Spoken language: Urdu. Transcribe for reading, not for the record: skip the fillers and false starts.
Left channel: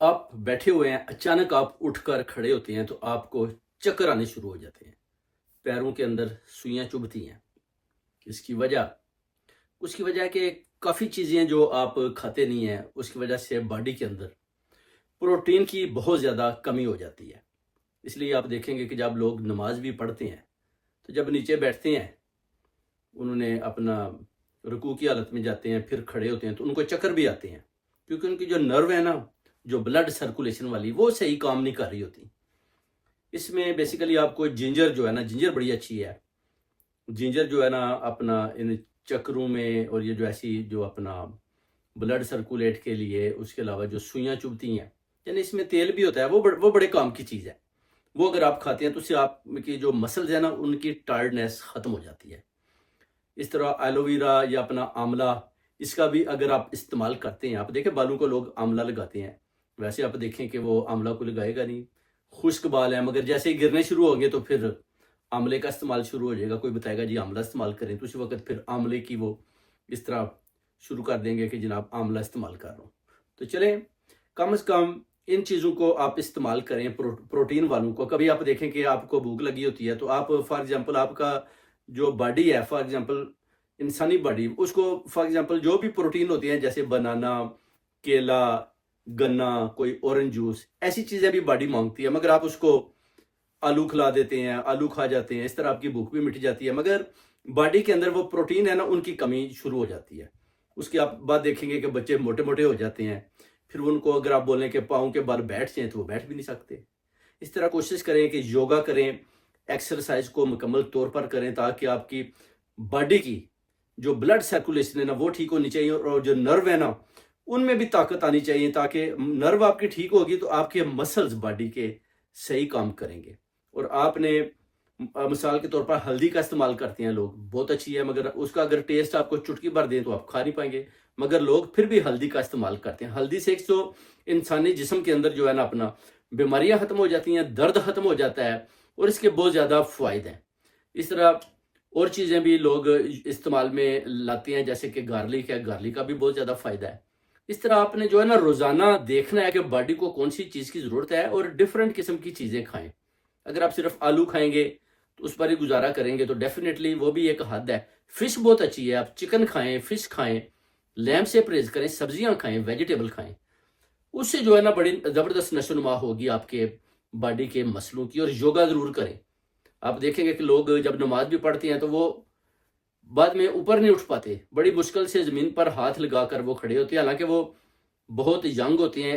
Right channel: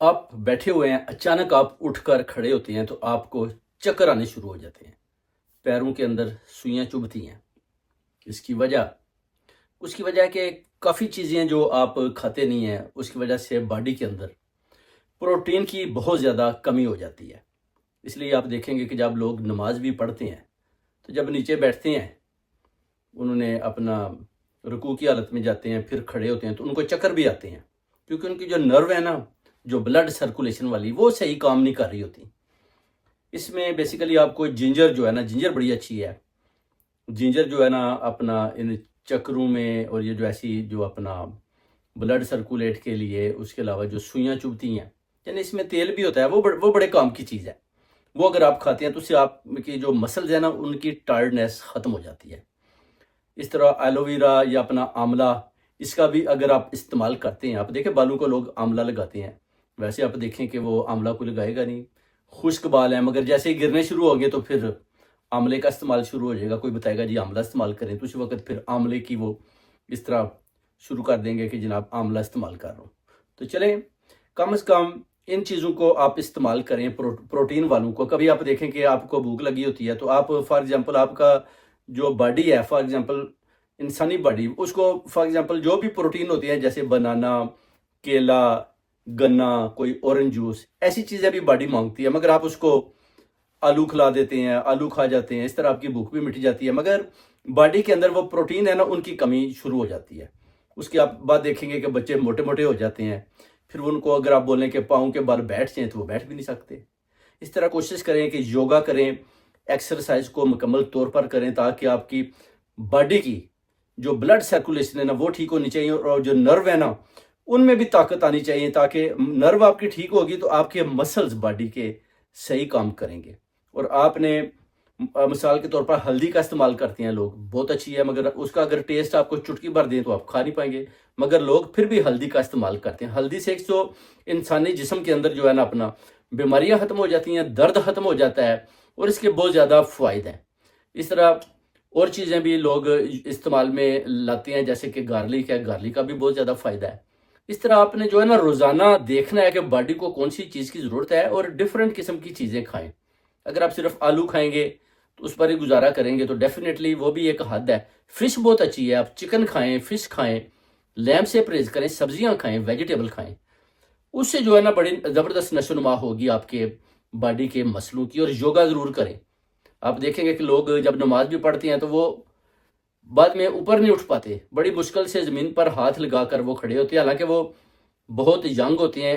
آپ بیٹھے ہوئے ہیں، اچانک آپ اٹھ کر کھڑے ہوتے ہیں تو آپ کو چکر آنے شروع ہو جاتے ہیں، پیروں کے اندر سوئیاں چبھتی ہیں۔ اس کی وجہ اس کی وجہ ہے کہ کافی چیزیں جو آپ کھاتے نہیں ہیں، اس کی وجہ سے باڈی کے اندر پروٹین کی بہت زیادہ کمی ہو جاتی ہے۔ اس لیے آپ دیکھیں گے کہ جب لوگ نماز بھی پڑھتے ہیں تو جب نیچے بیٹھتے ہیں، انہوں نے اپنا رکوع کی حالت میں جاتے ہیں، پھر کھڑے ہوتے ہیں تو ان کو چکر بھی آتے ہیں، کیونکہ ان کی جو نرو ہے نا، جو بلڈ سرکولیشن والی، وہ صحیح کام نہیں کر رہی ہوتی۔ اس میں بیسیکلی آپ کو جنجر جو ہے نا، جنجر بڑی اچھی ہے۔ جنجر جو ہے نا اپنا ان چکروں میں، اور یہ جو ایسی جو اپنا بلڈ سرکولیٹ کے لیے، اس کے علاوہ جو سوئیاں چبھتی ہیں، یعنی اس میں تیل بھی ہوتا ہے، وہ بڑے کام کی چیز ہے۔ وہ اگر آپ کھاتے ہیں تو اس سے آپ کی جو مسلز ہیں نا، ان کی ٹائرڈنیس ختم ہو جاتی ہے۔ اس طرح ایلو ویرا یا اپنا آملہ، اس کا بھی اگر آپ استعمال کرتے ہیں، آپ دیکھیں بالوں کو لوگ آملہ لگاتے ہیں، ویسے آپ دیکھیں کہ وہ آملہ کو لگائے گا نہیں، خشک بال ہیں، مگر جیسے ہی گرنے شروع ہوں گے تو پھر آملے کا استعمال شروع ہو جائے گا۔ کوئی بتائے گا جی آملہ استعمال کریں، تو اسی وقت پھر آملے کی وہ اس طرح شروع کر دیں گے کہ جناب آملہ استعمال کر رہا ہوں۔ تو چلیں، کم از کم ان چیزوں کو آپ استعمال کریں، پروٹین والوں کو۔ کبھی آپ دیکھیں کہ آپ کو بھوک لگی ہوتی ہے تو آپ فار ایگزامپل آپ کا جو باڈی ہے، فار ایگزامپل انسانی باڈی، اس کو فار ایگزامپل جو بھی پروٹین ہوتی ہیں، جیسے بنانا، کیلا، گنا، کوئی اورنج جوس، ایسی چیزیں بھی باڈی مانگتی ہے، مگر آپ اس کو آلو کھلا دیتے ہیں، آلو کھا جاتے ہیں، اس طرح آپ کی بھوک بھی مٹ جاتی ہے، مگر باڈی کے اندر وہ پروٹین ہے نا، ان کی کمی شروع ہو جاتی ہے۔ اس کے آپ بعد دیکھیں گے کہ بچے موٹے موٹے ہو جاتے ہیں، پھر ان کو اگر آپ بولیں کہ پاؤں کے بال بیٹھ جائیں تو وہ بیٹھ بھی نہیں سکتے۔ اس طرح کوشش کریں کہ یوگا کریں، ایکسرسائز کو مکمل طور پر کریں، تاکہ آپ کی باڈی کی جو بلڈ سرکولیشن ہے نا، وہ ٹھیک ہونی چاہیے، اور جو نرو ہے نا، ان میں بھی طاقت آنی چاہیے، تاکہ نرو آپ کی ٹھیک ہوگی تو آپ کے مسلز باڈی کے صحیح کام کریں گے۔ اور آپ نے مثال کے طور پر ہلدی کا استعمال کرتے ہیں لوگ، بہت اچھی ہے، مگر اس کا اگر ٹیسٹ آپ کو چٹکی بھر دیں تو آپ کھا نہیں پائیں گے، مگر لوگ پھر بھی ہلدی کا استعمال کرتے ہیں۔ ہلدی سے ایک تو انسانی جسم کے اندر جو ہے نا اپنا بیماریاں ختم ہو جاتی ہیں، درد ختم ہو جاتا ہے، اور اس کے بہت زیادہ فوائد ہیں۔ اس طرح اور چیزیں بھی لوگ استعمال میں لاتے ہیں، جیسے کہ گارلک ہے، گارلک کا بھی بہت زیادہ فائدہ ہے۔ اس طرح آپ نے جو ہے نا روزانہ دیکھنا ہے کہ باڈی کو کون سی چیز کی ضرورت ہے، اور ڈیفرنٹ قسم کی چیزیں کھائیں۔ اگر آپ صرف آلو کھائیں گے تو اس پر ہی گزارا کریں گے تو ڈیفینیٹلی وہ بھی ایک حد ہے۔ فش بہت اچھی ہے، آپ چکن کھائیں، فش کھائیں، لیمب سے پرہیز کریں، سبزیاں کھائیں، ویجیٹیبل کھائیں، اس سے جو ہے نا بڑی زبردست نشو و نما ہوگی آپ کے باڈی کے مسلوں کی۔ اور یوگا ضرور کریں۔ آپ دیکھیں گے کہ لوگ جب نماز بھی پڑھتے ہیں تو وہ بعد میں اوپر نہیں اٹھ پاتے، بڑی مشکل سے زمین پر ہاتھ لگا کر وہ کھڑے ہوتے ہیں، حالانکہ وہ بہت ینگ ہوتے ہیں۔